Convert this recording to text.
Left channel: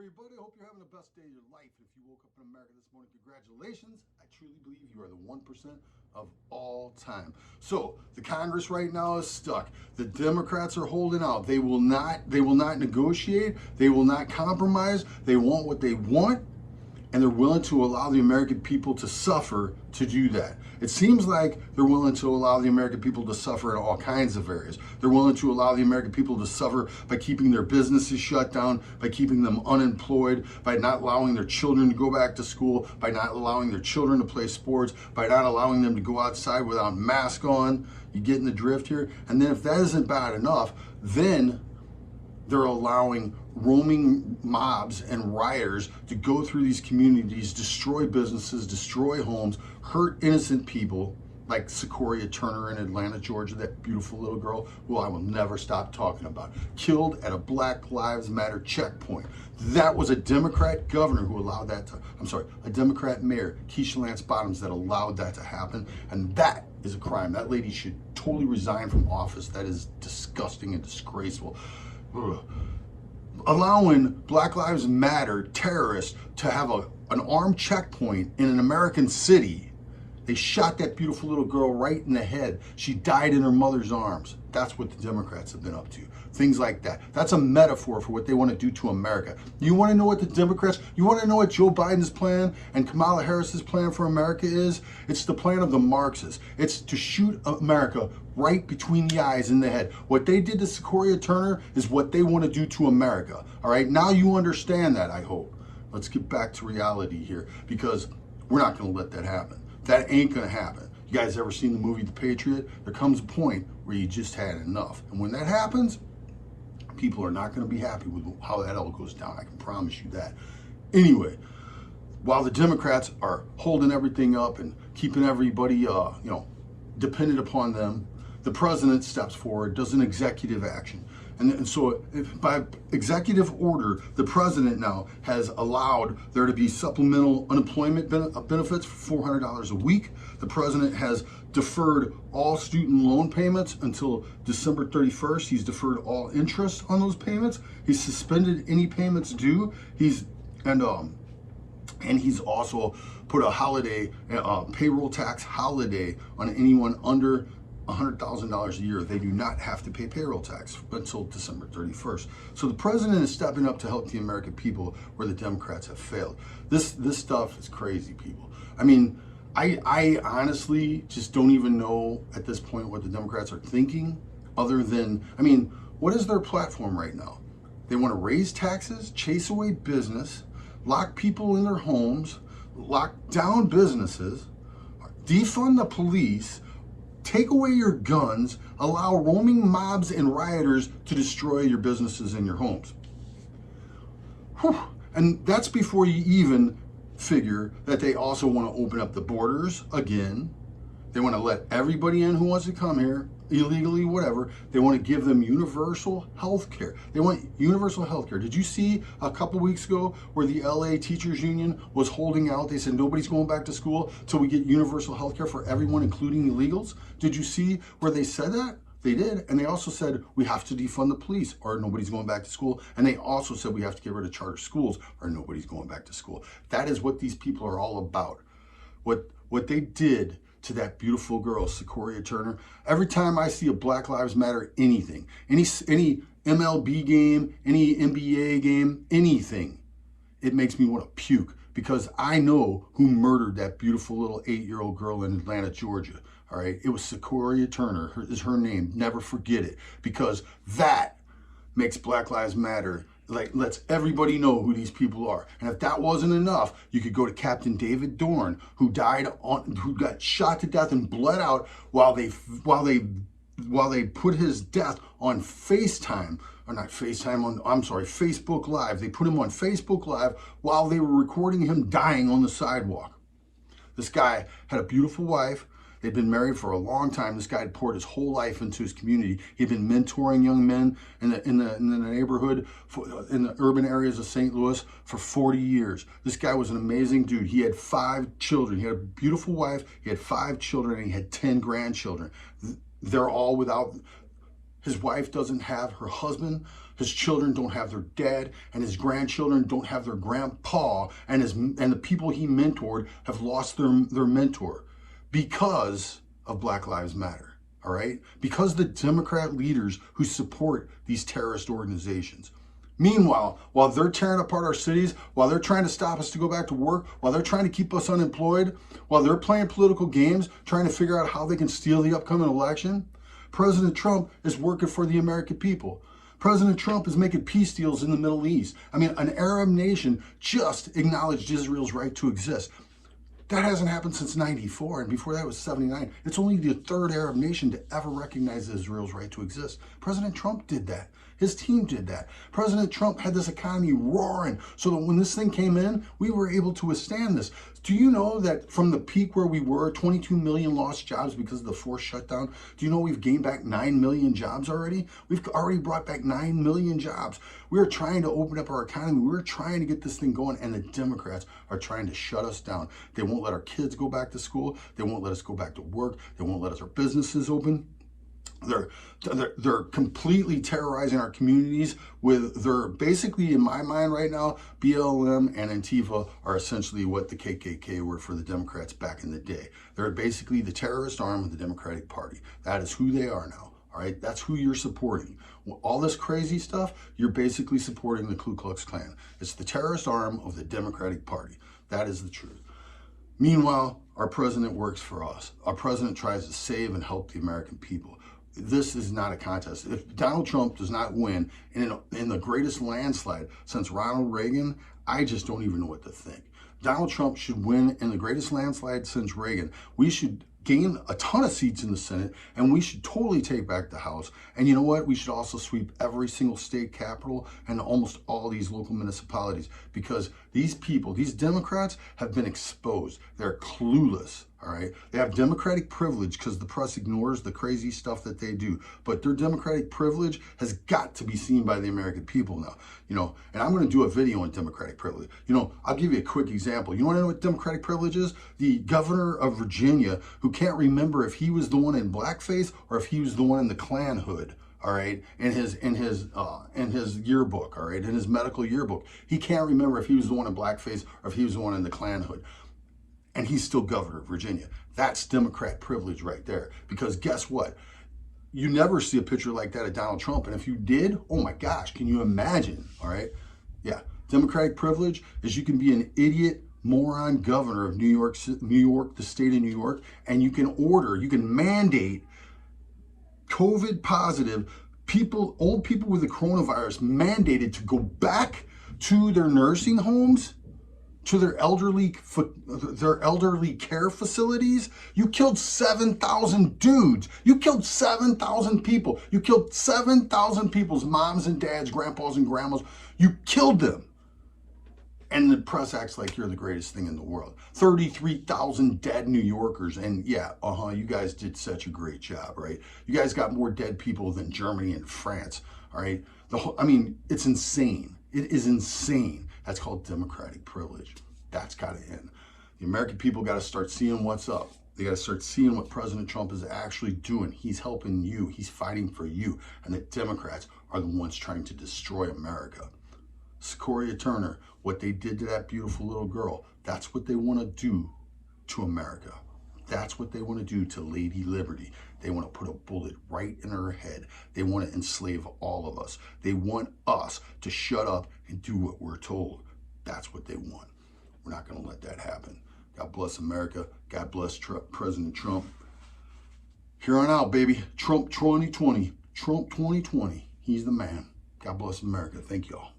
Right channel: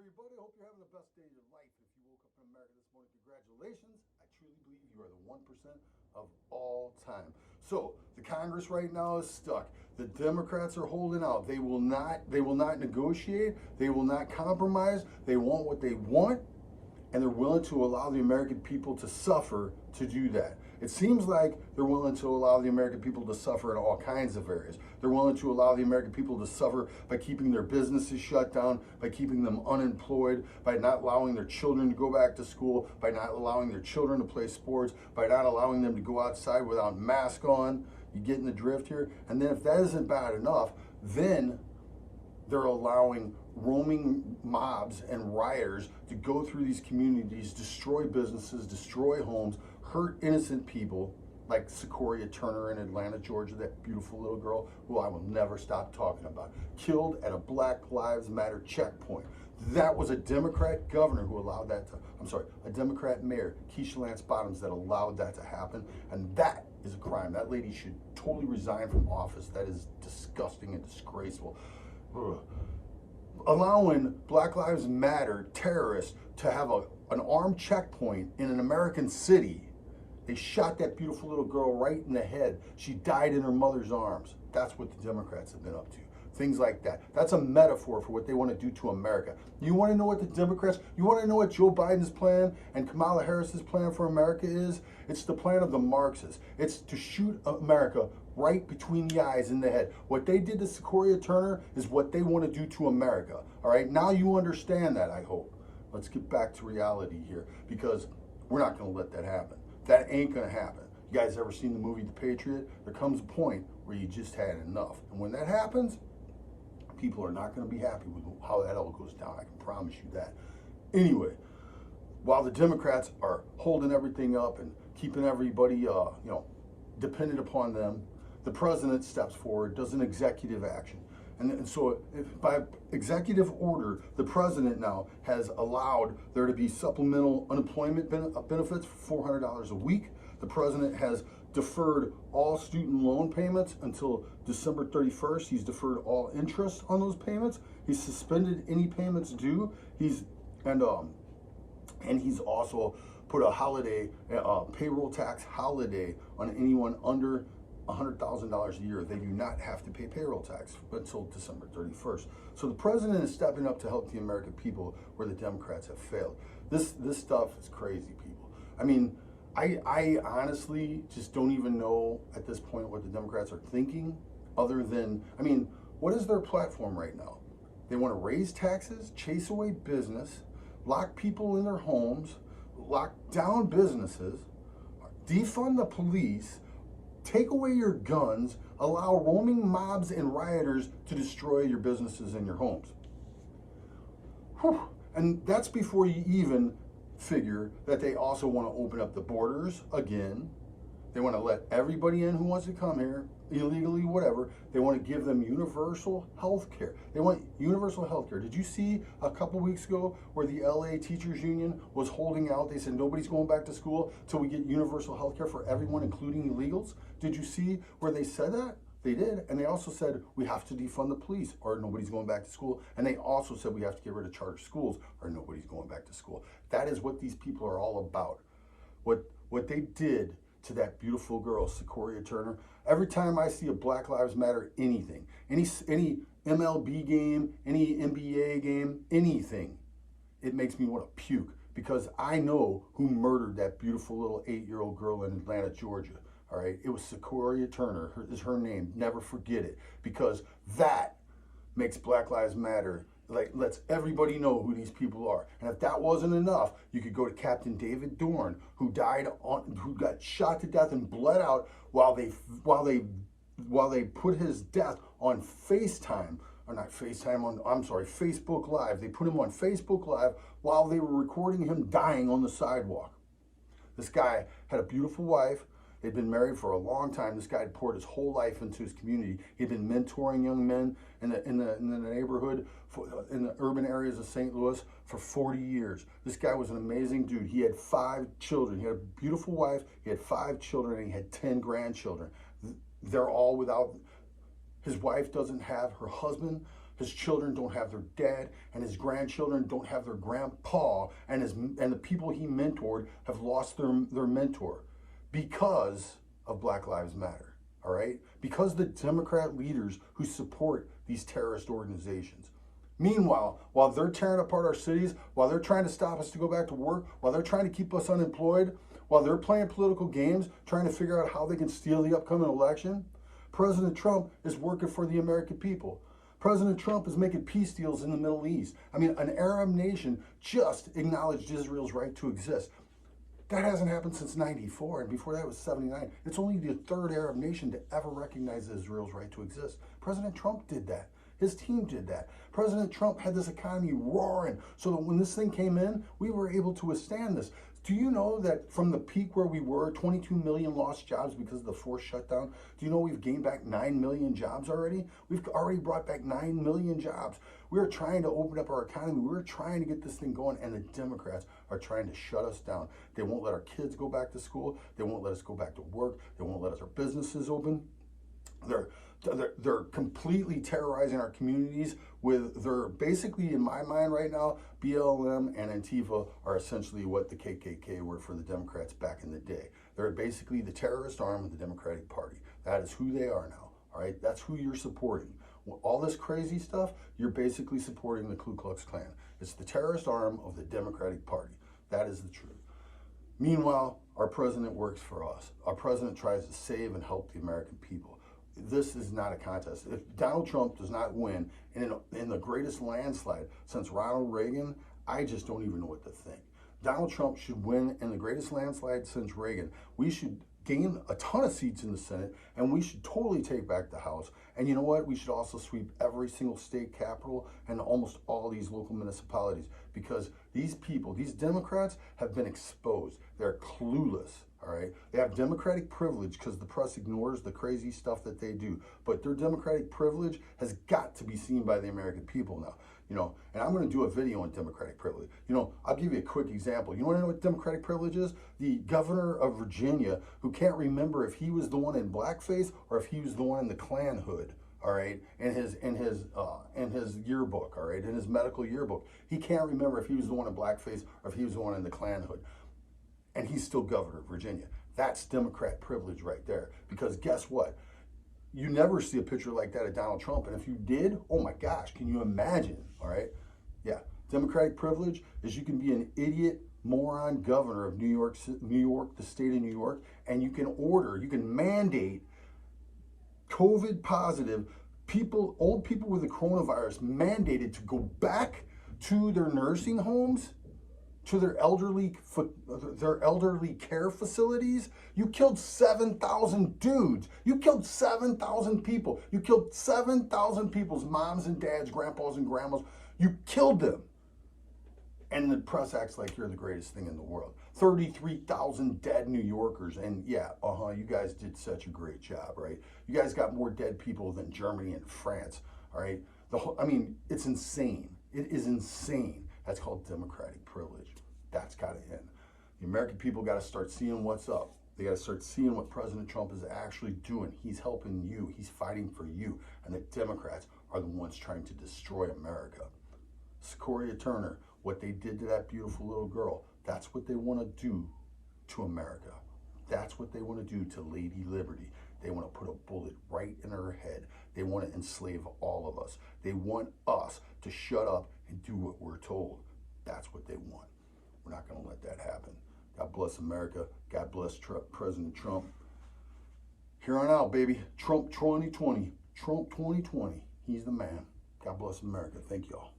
everybody. I hope you're having the best day of your life. If you woke up in America this morning, congratulations. I truly believe you are the 1% of all time. So the Congress right now is stuck. The Democrats are holding out. They will not negotiate. They will not compromise. They want what they want, and they're willing to allow the American people to suffer to do that. It seems like they're willing to allow the American people to suffer in all kinds of areas. They're willing to allow the American people to suffer by keeping their businesses shut down, by keeping them unemployed, by not allowing their children to go back to school, by not allowing their children to play sports, by not allowing them to go outside without mask on. You getting the drift here? And then if that isn't bad enough, then they're allowing roaming mobs and rioters to go through these communities, destroy businesses, destroy homes, hurt innocent people, like Sequoia Turner in Atlanta, Georgia, that beautiful little girl who I will never stop talking about, killed at a Black Lives Matter checkpoint. That was a Democrat governor who allowed that to, a Democrat mayor, Keisha Lance Bottoms, that allowed that to happen. And that is a crime. That lady should totally resign from office. That is disgusting and disgraceful. Ugh. Allowing Black Lives Matter terrorists to have an armed checkpoint in an American city. They shot that beautiful little girl right in the head. She died in her mother's arms. That's what the Democrats have been up to. Things like that. That's a metaphor for what they want to do to America. You want to know what the Democrats, you want to know what Joe Biden's plan and Kamala Harris's plan for America is? It's the plan of the Marxists. It's to shoot America right between the eyes and the head. What they did to Sequoia Turner is what they want to do to America. All right, now you understand that, I hope. Let's get back to reality here, because we're not going to let that happen. That ain't going to happen. You guys ever seen the movie The Patriot? There comes a point where you just had enough. And when that happens, people are not going to be happy with how that all goes down. I can promise you that. Anyway, while the Democrats are holding everything up and keeping everybody, dependent upon them, the president steps forward, does an executive action. And so by executive order, the president now has allowed there to be supplemental unemployment benefits for $400 a week. The president has deferred all student loan payments until December 31st. He's deferred all interest on those payments. He's suspended any payments due. And he's also put a holiday, payroll tax holiday on anyone under $100,000 a year. They do not have to pay payroll tax until December 31st. So the president is stepping up to help the American people where the Democrats have failed. This stuff is crazy, people. I mean, I honestly just don't even know at this point what the Democrats are thinking, other than, what is their platform right now? They want to raise taxes, chase away business, lock people in their homes, lock down businesses, defund the police, take away your guns, allow roaming mobs and rioters to destroy your businesses and your homes. Whew. And that's before you even figure that they also want to open up the borders again. They want to let everybody in who wants to come here, illegally, whatever. They want to give them universal health care. They want universal health care. Did you see a couple weeks ago where the LA Teachers Union was holding out? They said nobody's going back to school till we get universal health care for everyone, including illegals. Did you see where they said that? They did. And they also said we have to defund the police or nobody's going back to school. And they also said we have to get rid of charter schools or nobody's going back to school. That is what these people are all about. What they did to that beautiful girl, Sequoia Turner. Every time I see a Black Lives Matter anything, any MLB game, any NBA game, anything, it makes me want to puke, because I know who murdered that beautiful little 8-year-old girl in Atlanta, Georgia. All right, it was Sequoia Turner is her name. Never forget it, because that makes Black Lives Matter. Like, lets everybody know who these people are. And if that wasn't enough, you could go to Captain David Dorn, who got shot to death and bled out while they put his death on Facebook Live. They put him on Facebook Live while they were recording him dying on the sidewalk. This guy had a beautiful wife. They'd been married for a long time. This guy had poured his whole life into his community. He'd been mentoring young men in the neighborhood, in the urban areas of St. Louis for 40 years. This guy was an amazing dude. He had 5 children. He had a beautiful wife. He had 5 children, and he had 10 grandchildren. They're all without His wife doesn't have her husband, his children don't have their dad, and his grandchildren don't have their grandpa, and the people he mentored have lost their mentor because of Black Lives Matter, all right? Because the Democrat leaders who support these terrorist organizations. Meanwhile, while they're tearing apart our cities, while they're trying to stop us to go back to work, while they're trying to keep us unemployed, while they're playing political games, trying to figure out how they can steal the upcoming election, President Trump is working for the American people. President Trump is making peace deals in the Middle East. I mean, an Arab nation just acknowledged Israel's right to exist. That hasn't happened since 94, and before that was 79. It's only the third Arab nation to ever recognize Israel's right to exist. President Trump did that. His team did that. President Trump had this economy roaring so that when this thing came in, we were able to withstand this. Do you know that from the peak where we were, 22 million lost jobs because of the forced shutdown? Do you know we've gained back 9 million jobs already? We've already brought back 9 million jobs. We are trying to open up our economy. We're trying to get this thing going, and the Democrats are trying to shut us down. They won't let our kids go back to school. They won't let us go back to work. They won't let our businesses open. They're completely terrorizing our communities with their, basically in my mind right now, BLM and Antifa are essentially what the KKK were for the Democrats back in the day. They're basically the terrorist arm of the Democratic Party. That is who they are now, all right? That's who you're supporting. All this crazy stuff, you're basically supporting the Ku Klux Klan. It's the terrorist arm of the Democratic Party. That is the truth. Meanwhile, our president works for us. Our president tries to save and help the American people. This is not a contest. If Donald Trump does not win in the greatest landslide since Ronald Reagan, I just don't even know what to think. Donald Trump should win in the greatest landslide since Reagan. We should gain a ton of seats in the Senate, and we should totally take back the House. And you know what? We should also sweep every single state capital and almost all these local municipalities, because these people, these Democrats, have been exposed. They're clueless. All right, they have Democratic privilege because the press ignores the crazy stuff that they do. But their Democratic privilege has got to be seen by the American people now. You know, and I'm going to do a video on Democratic privilege. You know, I'll give you a quick example. You want to know what Democratic privilege is? The governor of Virginia, who can't remember if he was the one in blackface or if he was the one in the Klan hood. All right, in his yearbook, all right, in his medical yearbook, he can't remember if he was the one in blackface or if he was the one in the Klan hood. And he's still governor of Virginia. That's Democrat privilege right there. Because guess what? You never see a picture like that of Donald Trump. And if you did, oh my gosh, can you imagine? All right. Yeah. Democratic privilege is you can be an idiot, moron governor of New York, the state of New York, and you can mandate COVID positive people, old people with the coronavirus, mandated to go back to their nursing homes, to their elderly care facilities. You killed 7,000 dudes. You killed 7,000 people. You killed 7,000 people's moms and dads, grandpas and grandmas. You killed them. And the press acts like you're the greatest thing in the world. 33,000 dead New Yorkers. And yeah, you guys did such a great job, right? You guys got more dead people than Germany and France, all right? I mean, it's insane. It is insane. That's called democratic privilege. That's got to end. The American people got to start seeing what's up. They got to start seeing what President Trump is actually doing. He's helping you. He's fighting for you. And the Democrats are the ones trying to destroy America. Sequoia Turner, what they did to that beautiful little girl, that's what they want to do to America. That's what they want to do to Lady Liberty. They want to put a bullet right in her head. They want to enslave all of us. They want us to shut up and do what we're told. That's what they want. We're not going to let that happen. God bless America. God bless President Trump. Here on out, baby. Trump 2020. Trump 2020. He's the man. God bless America. Thank y'all.